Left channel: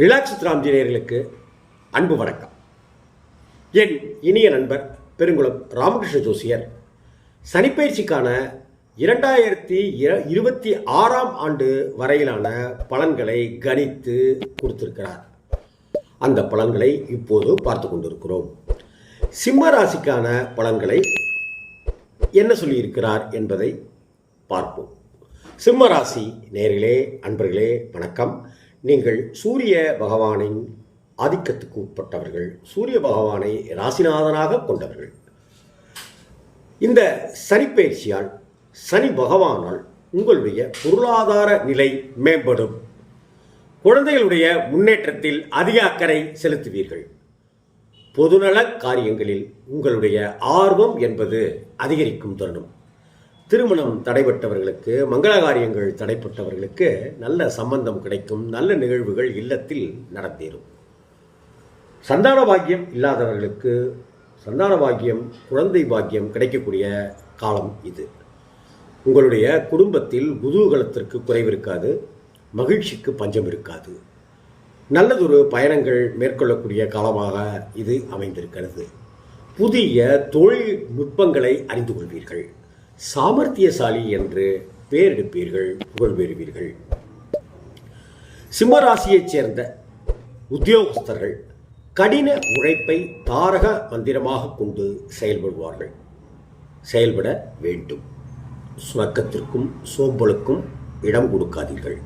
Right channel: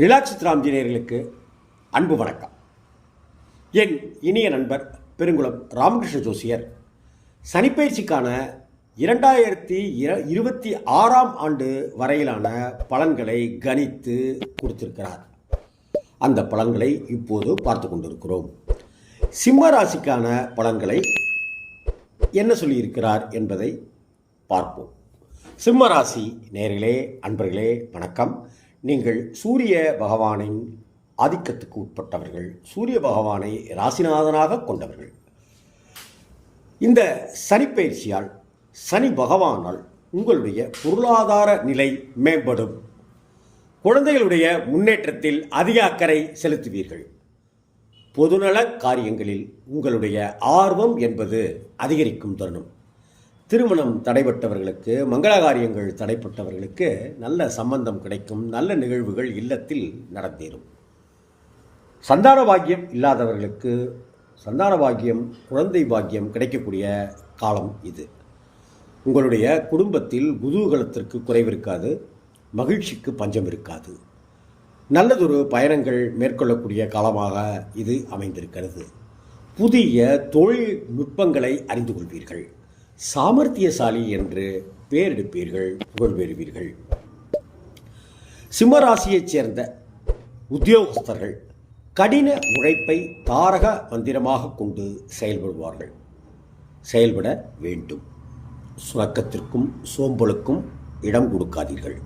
Relax Ramji நேயர்களுக்கு அன்பு வணக்கம். என் இனிய நண்பர் பெருங்குளம் ராமகிருஷ்ண ஜோசியர் சனிப்பயிற்சிக்கான 2026 ஆண்டு வரையிலான பலன்களை கணித்து கொடுத்திருக்கிறார். அந்த பலன்களை இப்போது பார்த்து கொண்டிருக்கிறோம். சிம்ம ராசிக்கான பலன்களை என்ன சொல்லியிருக்கிறார் என்பதை பார்ப்போம். சிம்ம ராசி நேயர்களே, அன்பர்களே வணக்கம். நீங்கள் சூரிய பகவானின் ஆதிக்கத்துக்கு உட்பட்டவர்கள், சூரிய பகவானை ராசிநாதனாக கொண்டவர்கள். இந்த சனிப்பயிற்சியால், சனி பகவானால் உங்களுடைய பொருளாதார நிலை மேம்படும். குழந்தைகளுடைய முன்னேற்றத்தில் அதிக அக்கறை செலுத்துவீர்கள். பொதுநல காரியங்களில் உங்களுடைய ஆர்வம் என்பது அதிகரிக்கும் தருணம். திருமணம் தடைப்பட்டவர்களுக்கு, மங்கள காரியங்கள் தடைப்பட்டவர்களுக்கு நல்ல சம்பந்தம் கிடைக்கும். நல்ல நிகழ்வுகள் இல்லத்தில் நடந்தேறும். சந்தான பாக்கியம் இல்லாதவர்களுக்கு சந்தான பாக்கியம், குழந்தை பாக்கியம் கிடைக்கக்கூடிய காலம் இது. உங்களுடைய குடும்பத்தில் குதூகலத்திற்கு குறைவிருக்காது, மகிழ்ச்சிக்கு பஞ்சம் இருக்காது. நல்லதொரு பயணங்கள் மேற்கொள்ளக்கூடிய காலமாக இது அமைந்திருக்கிறது. புதிய தொழில் நுட்பங்களை அறிந்து கொள்வீர்கள். சாமர்த்தியசாலி என்று பெயரெடுப்பீர்கள், புகழ் பெறுவீர்கள். சிம்மராசியைச் சேர்ந்த உத்தியோகஸ்தர்கள் கடின உழைப்பை தாரக மந்திரமாக கொண்டு செயல்பட வேண்டும். சுணக்கத்திற்கும் சோம்பலுக்கும் இடம் கொடுக்காதீர்கள்.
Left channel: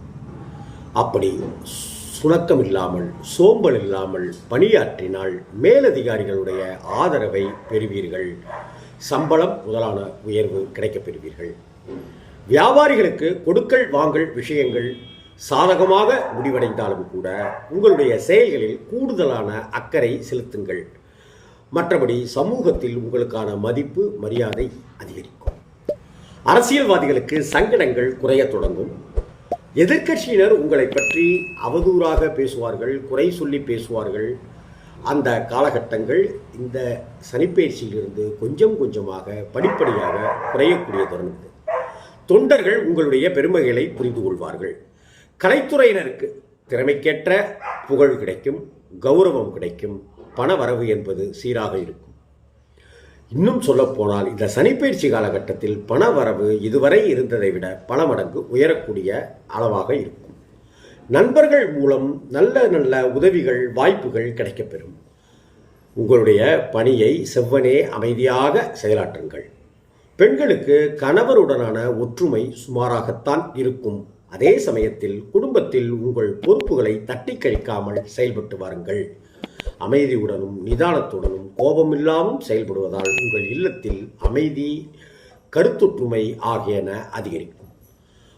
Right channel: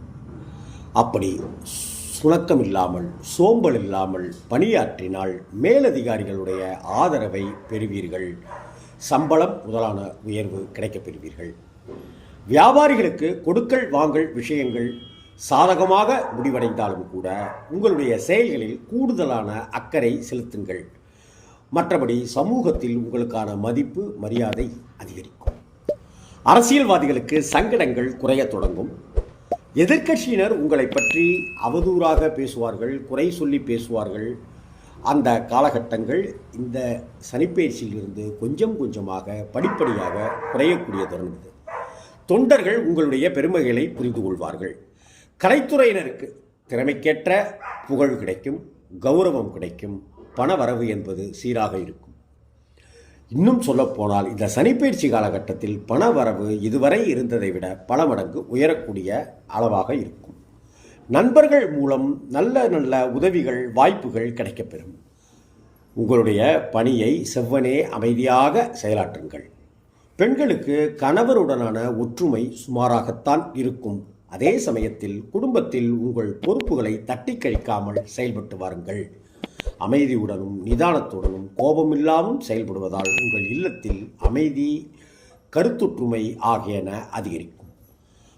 அப்படி சுணக்கம் இல்லாமல், சோம்பல் இல்லாமல் பணியாற்றினால் மேலதிகாரிகளுடைய ஆதரவை பெறுவீர்கள். சம்பளம் முதலான உயர்வு கிடைக்கப் பெறுவீர்கள். வியாபாரிகளுக்கு கொடுக்கல் வாங்கல் விஷயங்கள் சாதகமாக முடிவடைந்தாலும் கூட உங்களுடைய செயல்களில் கூடுதலான அக்கறை செலுத்துங்கள். மற்றபடி சமூகத்தில் உங்களுக்கான மதிப்பு, மரியாதை அதிகரிக்கும். அரசியல்வாதிகளுக்கு சங்கடங்கள் குறைய தொடங்கும். எதிர்க்கட்சியினர் உங்களை பற்றி அவதூறாக பேசுவார்கள், குறை சொல்லி பேசுவார்கள். அந்த காலகட்டங்கள் இந்த சனிப்பயிற்சியிலிருந்து கொஞ்சம் கொஞ்சமாக படிப்படியாக குறையக்கூடிய தருணம் இது. தொண்டர்கள் உங்களுடைய பெருமைகளை புரிந்து கொள்வார்கள். கலைத்துறையினருக்கு திறமைக்கேற்ற புகழ் கிடைக்கும், கௌரவம் கிடைக்கும். பண வரவு என்பது சீராக இருக்கும். இன்னும் சொல்லப்போனால் இந்த சனிப்பயிற்சி காலகட்டத்தில் பண வரவு இதுவரை இருந்ததை விட பல மடங்கு உயரக்கூடிய அளவாக இருக்கும். நண்பர்கள் மூலம் நல்ல நல்ல உதவிகள், வாய்ப்புகள் கிடைக்கப்பெறும். உங்களுடைய பணியை செவ்வனே அமைதியாக செயலாற்றுங்கள். பெண்களுக்கு கணவருடனான ஒற்றுமை சுமாராகத்தான் இருக்கும். அதே சமயத்தில் குடும்பத்தில் உங்கள் பொறுப்புகளை தட்டி கழிக்காமல் செயல்பட்டு வாருங்கள். அமைதியுடனும் நிதானத்துடனும் கோபமில்லாமல் செயல்படுவதால் உங்கள் இல்லத்தில் அமைதி, கருத்தொற்றுமை ஆகியன அதிகரிக்கும்.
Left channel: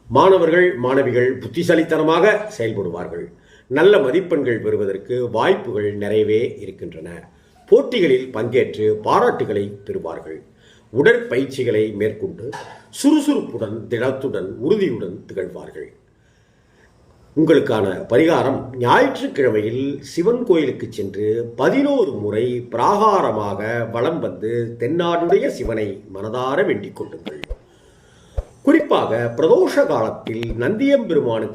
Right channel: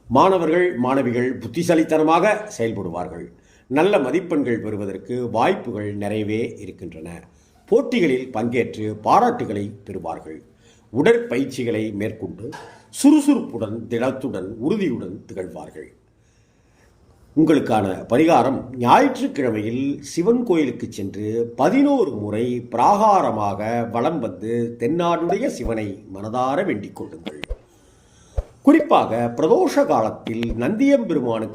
மாணவர்கள், மாணவிகள் புத்திசாலித்தனமாக செயல்படுவார்கள். நல்ல மதிப்பெண்கள் பெறுவதற்கு வாய்ப்புகள் நிறையவே இருக்கின்றன. போட்டிகளில் பங்கேற்று பாராட்டுகளை பெறுவார்கள். உடற்பயிற்சிகளை மேற்கொண்டு சுறுசுறுப்புடன், திடத்துடன், உறுதியுடன் திகழ்வார்கள். உங்களுக்கான பரிகாரம்: ஞாயிற்றுக்கிழமையில் சிவன் கோயிலுக்கு சென்று 11 முறை பிராகாரமாக வலம் வந்து தென்னாடுடைய சிவனை மனதார வேண்டிக் கொள்ளுங்கள். குறிப்பாக பிரதோஷ காலத்தில் நந்தியம்பெருமானை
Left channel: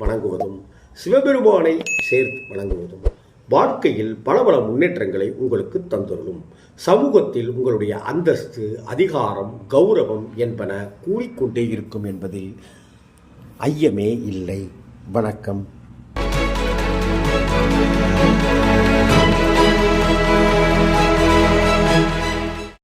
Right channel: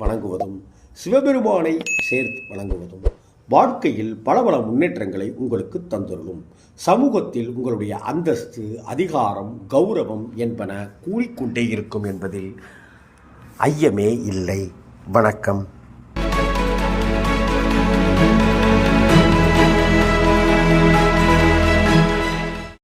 வணங்குவதும், சிவபெருமானை சேர்த்து வணங்குவதும் வாழ்க்கையில் பல பல முன்னேற்றங்களை உங்களுக்கு தந்துள்ளோம். சமூகத்தில் உங்களுடைய அந்தஸ்து, அதிகாரம், கௌரவம் என்பன கூறிக்கொண்டே இருக்கும் என்பதில் ஐயமே இல்லை. வணக்கம்.